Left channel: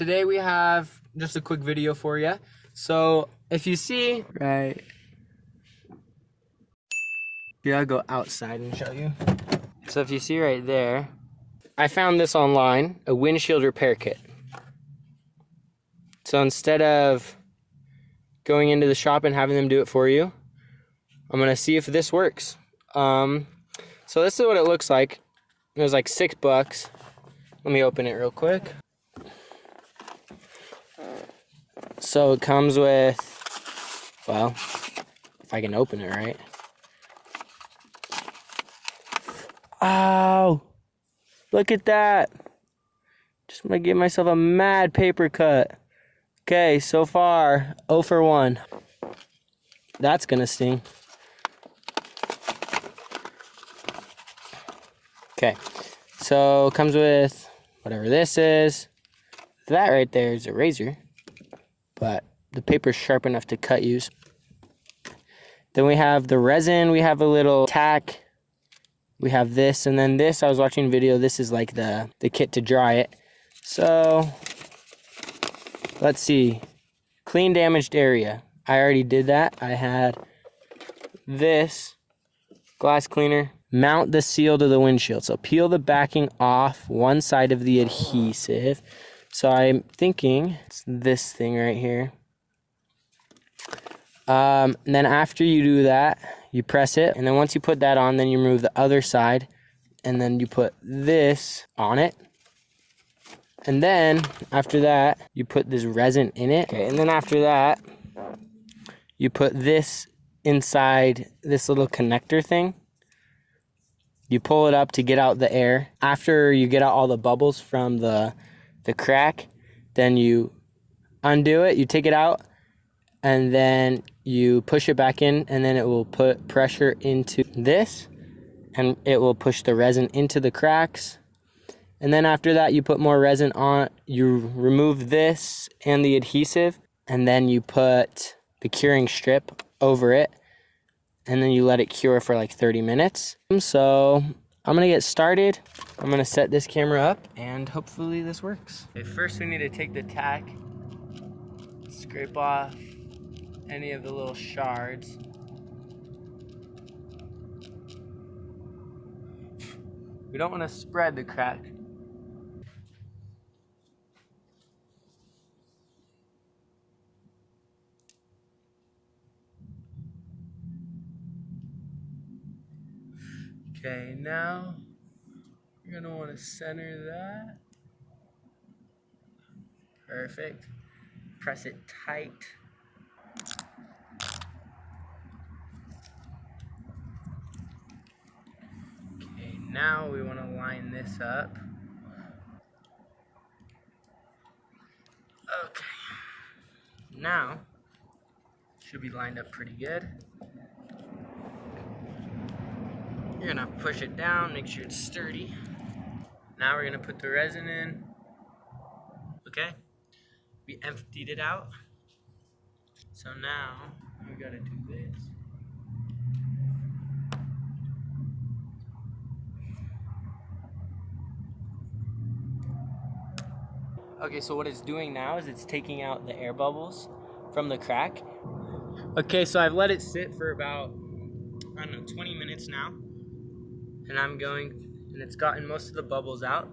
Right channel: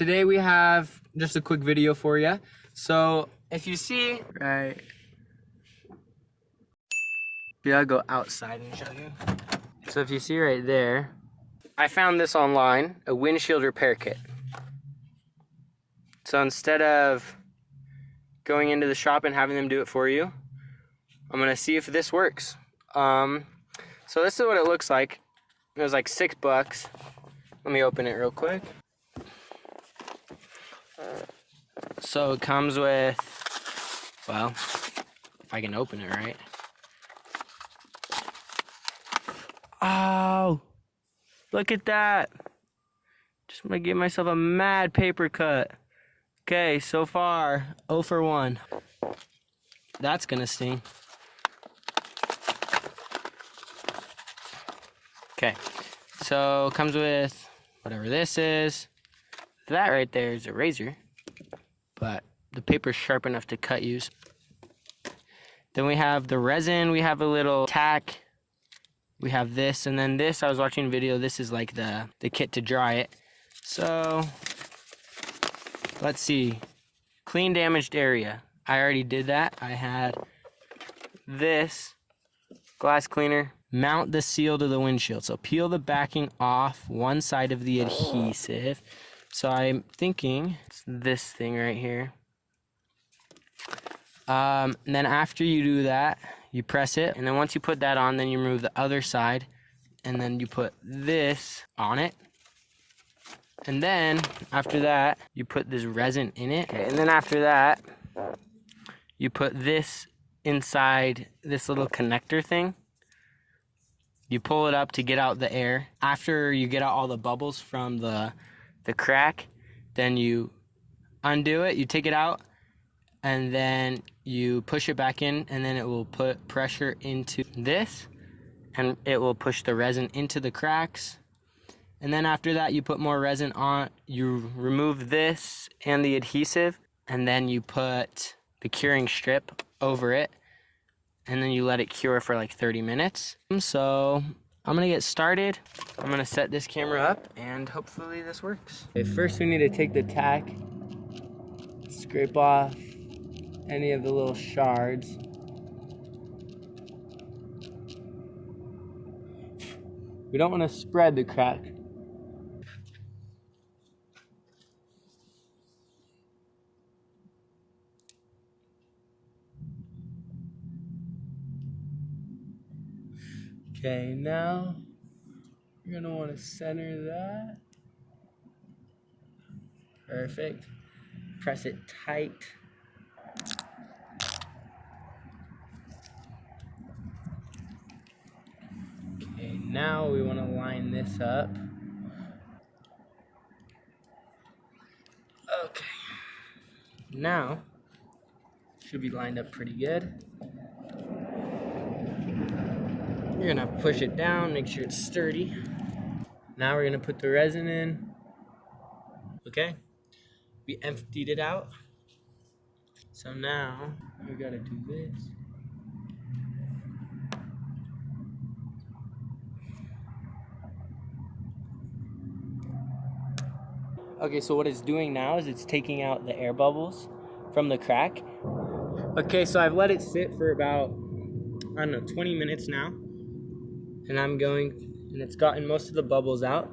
today we have just a quick video for you. So if you see, right, I'll go outside and show you. So if you see right there, I found this online, a windshield repair kit. So instead of going into the shop and having them do it for you, I'm gonna see if this works. So this is what it looks like. It was like $6. Let me open it real quick. So it comes with, well, if I can open it right. Oh, look at that. Just gonna give myself a mad paper cut. Okay, so far, 0 for 1. That's gonna sting. Okay, so it comes with whatever this is. That right there is a razor, but the paper's sharp enough to cut use. Then we have the resin, we have a little tack, we have this, and then this, I was watching a video, this is like the kit to dry it. So, let's see, clean damaged area. I already did that. I had this glass cleaner, mount the seal to the windshield. So peel the backing off one side of the adhesive. So I'm thinking it's this thing right here. And then after you do that, you press it, and then once you put that on, then you remove the other side, and then you put this on it. And then after that, you put this resin in it. Okay, and then after that, you put this inside this little connector thing. You pull it up to get out the air. After you get out all the bubbles from the crack, then you undo it, you take it out, and then you push it back in, and then it will put pressure into this, and it will push the resin into the cracks. And then after that, you put more resin on, you remove this and the adhesive, and then you put the curing strip over it, and then you let it cure for like 30 minutes. So I'm gonna get started. I'm gonna set this camera up, and hopefully this works. Okay, first we need to take the tack, scrape off any of the little shards. We don't want to spread the crack. Okay, now you're gonna want to center that. Perfect. Press it tight. Okay, now we want to line this up. Okay. Now, should be lined up pretty good. You're gonna push it down, make sure it's sturdy. Now we're gonna put the resin in. Okay, we emptied it out. So now we gotta do this. Okay, so what it's doing now is it's taking out the air bubbles from the crack. Okay, so I've let it sit for about, I don't know, 20 minutes now. And and it's gotten most of the bubbles out.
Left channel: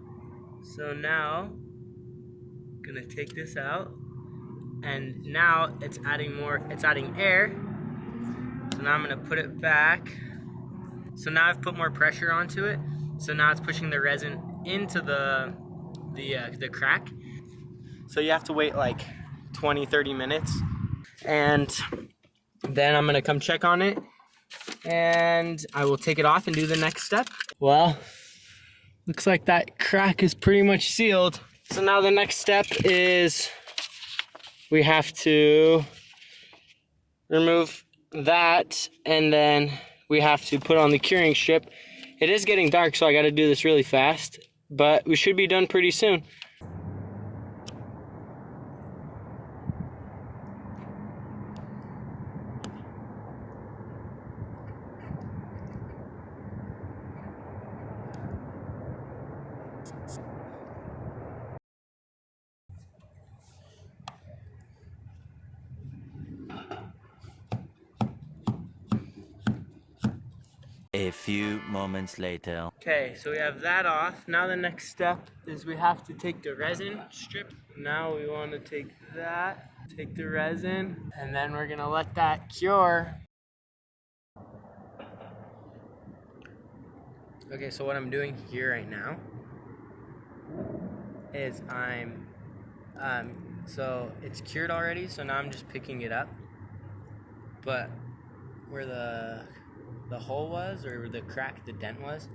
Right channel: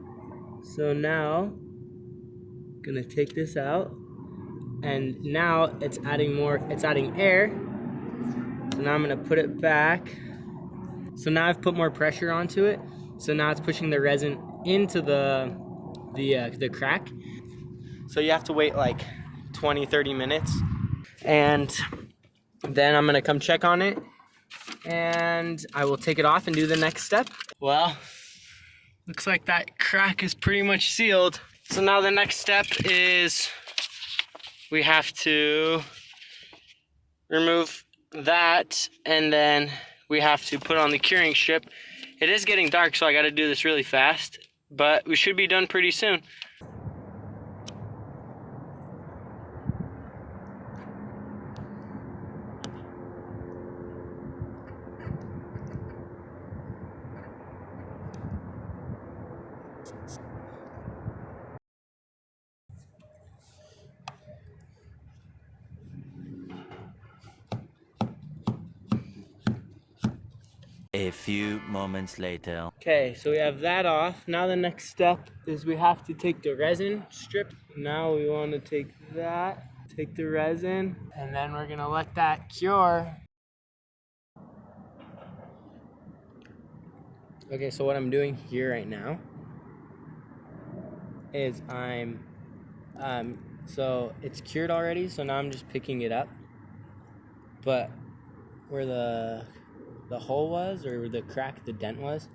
So now, I'm gonna take this out. And now it's adding air. So now I'm gonna put it back. So now I've put more pressure onto it. So now it's pushing the resin into the crack. So you have to wait like 20, 30 minutes. And then I'm gonna come check on it, and I will take it off and do the next step. Well, looks like that crack is pretty much sealed. So now the next step is we have to remove that, and then we have to put on the curing strip. It is getting dark, so I gotta do this really fast, but we should be done pretty soon. A few moments later. Okay, so we have that off. Now the next step is we have to take the resin strip. Now we want to take that, take the resin, and then we're gonna let that cure. Okay, so what I'm doing here right now is so it's cured already, so now I'm just picking it up. But where the hole was, or the crack, the dent was,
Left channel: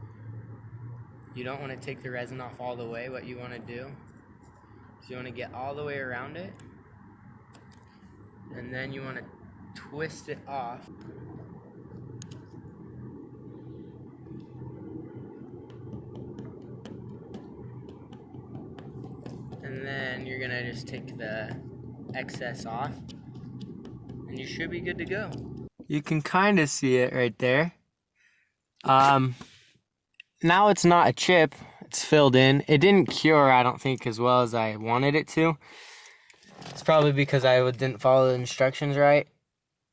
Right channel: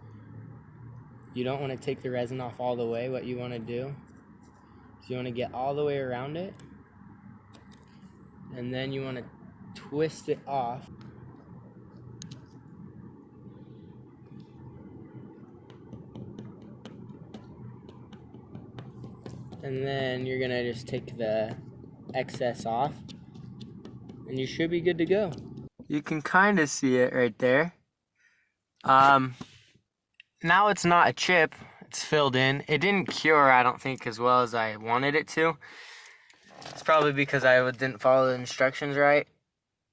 you don't want to take the resin off all the way. What you want to do is you want to get all the way around it, and then you want to twist it off. And then you're gonna just take the excess off, and you should be good to go. You can kind of see it right there. Now it's not a chip, it's filled in. It didn't cure, I don't think, as well as I wanted it to. It's probably because I didn't follow the instructions right.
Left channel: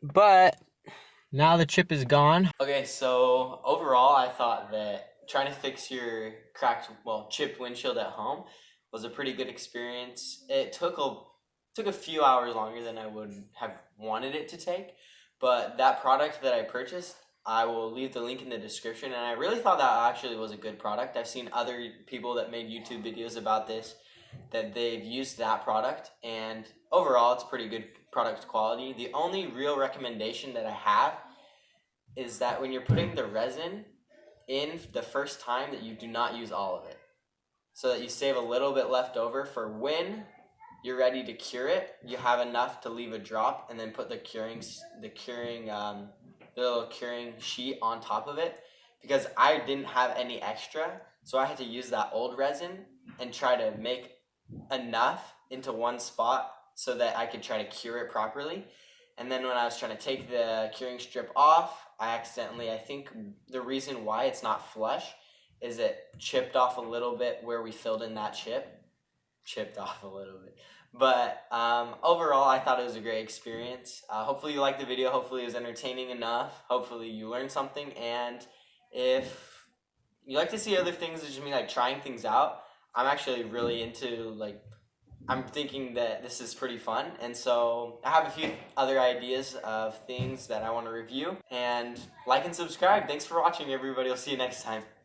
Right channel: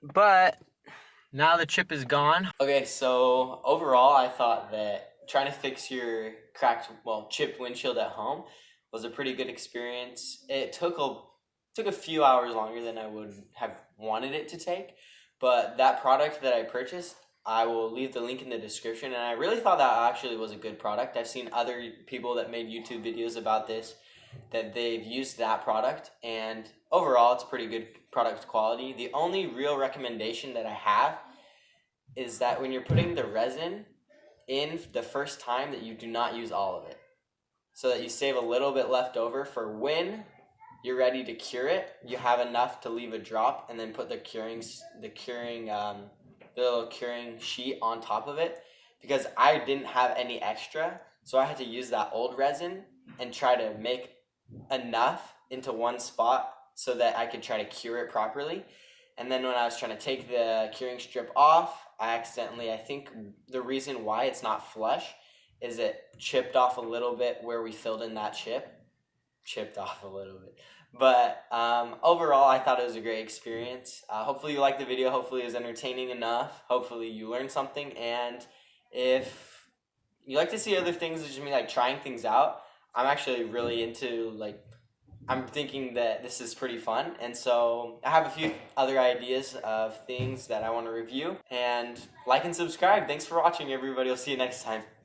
But now the chip is gone. Okay, so overall I thought that trying to fix your chipped windshield at home was a pretty good experience. It took a few hours longer than I would have wanted it to take, but that product that I purchased, I will leave the link in the description, and I really thought that actually was a good product. I've seen other people that made YouTube videos about this, that they've used that product, and overall it's pretty good product quality. The only real recommendation that I have is that when you're putting the resin in the first time, that you do not use all of it, so that you save a little bit left over for when you're ready to cure it. You have enough to leave a drop, and then put the little curing sheet on top of it, because I didn't have any extra, so I had to use that old resin and try to make enough into one spot so that I could try to cure it properly. And then when I was trying to take the curing strip off, I think the reason why it's not flush is it chipped off a little bit where we filled in that chipped off a little bit. But overall, I thought it was a great experience. Hopefully you liked the video. Hopefully it was entertaining enough. Hopefully you learned something. And if you like to see other things, just me like trying things out, I'm actually really into, I'm thinking that this is pretty fun. And so I have a few other ideas of things that I want to review. And like and subscribe. Thanks for watching, everybody. I'll see you next time.